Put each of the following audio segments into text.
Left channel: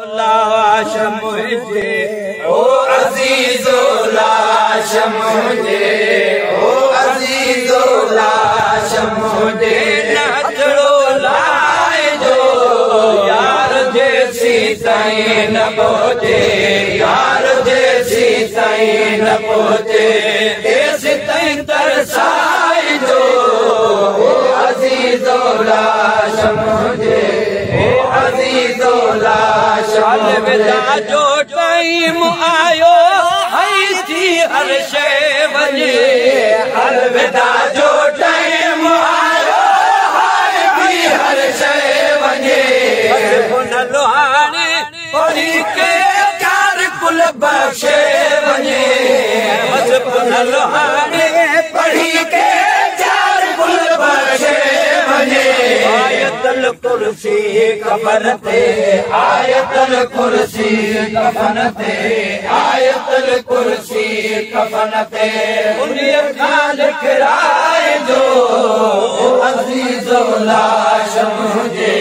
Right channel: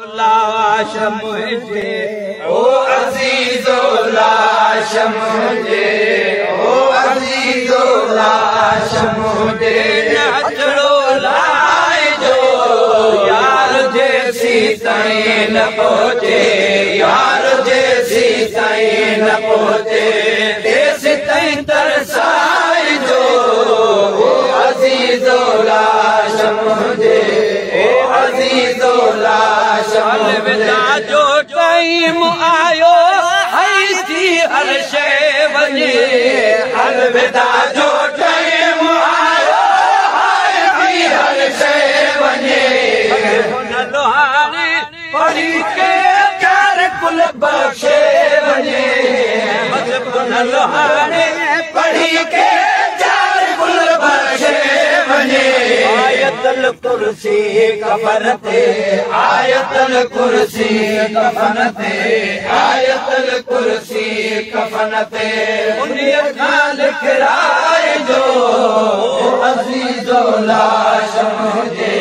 लाश मुझे ओ अजीजो लाश मुझे ओ अजीजो लाश मुझे नचड़ो लाए जो यार जैसी ताईं न पहुंचे यार जैसी ताईं न पहुंचे ऐसे ताईं तरसाए जो ओ अजीजो लाश मुझे अजीजो लाश अलविदा जो टाइम आयो है थी हर शइ वञे अलविदा जो टाइम आयो है थी हर शइ वञे हुन लोहाणे पढ़ी के चार कुल बख़्शे वञे हुन लोहाणे पढ़ी के चार कुल बख़्शे वञे आयतल कुर्सी कफन ते आयतल कुर्सी कफन ते आयतल कुर्सी कफन ते उन्हीअ खां लिखराए जो ओ अज़ीज़ो लाश मुंहिंजे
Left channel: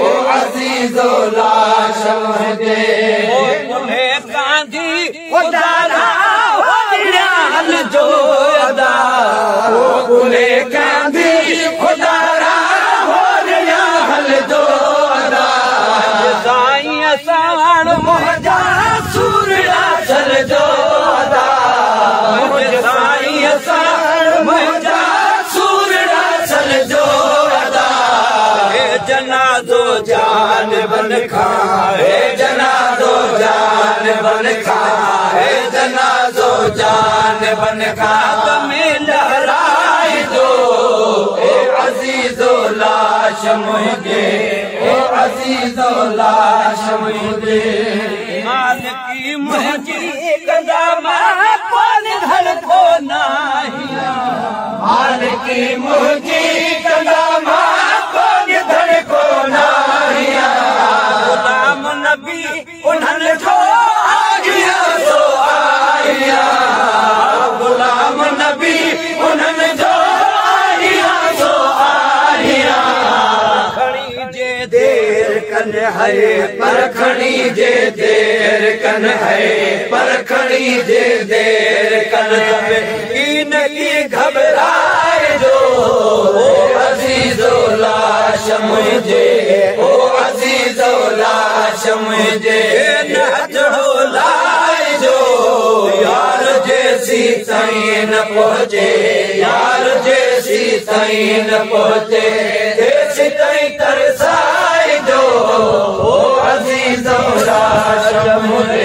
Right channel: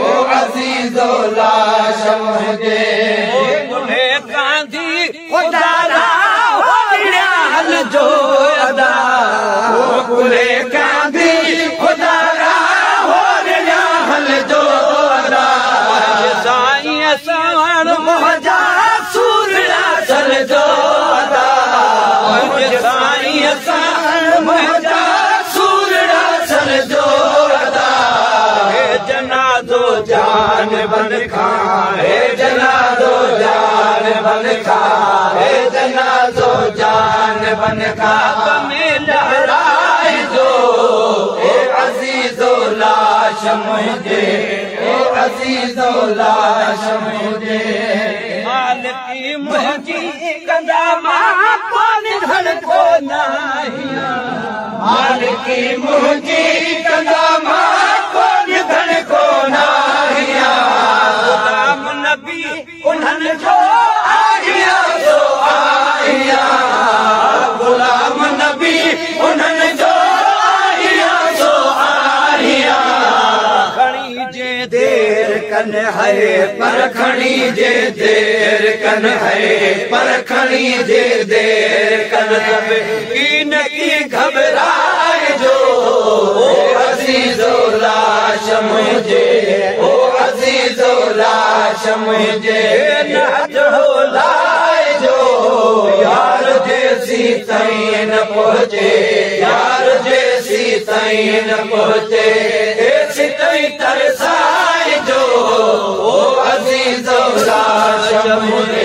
ओ अज़ीज़ो लाश मुंहिंजे तुम्हें गांधी ख़ुदा हो न्याल जो अदा तुम्हें गांधी ख़ुदा जो साईं सावण मुंहिंजा सूरड़ा सल जो साईं सावण मुंहिंजा सूरड़ा सल जो हे जनाज़ो जान बन खा हे जनाज़ो जान बन खा हे जनाज़ो जान बन खा तुम्हें लहराए जो ओ अज़ीज़ो लाश मुंहिंजे ओ अज़ीज़ो लाश मुंहिंजे मालिकी मुंहिंजी कंदा मां कोन धड़को नाहियां मालिकी मुंहिंजी कंदा मां कोन धड़को नाहियां गुलाम नबी उन्हनि जो आगिया सो आहियां गुलाम नबी उन्हनि जो देर कन है परखणी जे देर कन है परखणी जे देर कन इन की घबराए जो ओ अज़ीज़ो लाश मुंहिंजे ओ अज़ीज़ो लाश मुंहिंजे नचड़ो लाए जो यार जैसी ताईं न पहुंचे यार जैसी ताईं न पहुंचे ऐसी ताईं तरसाए जो ओ अज़ीज़ो लाश मुंहिंजे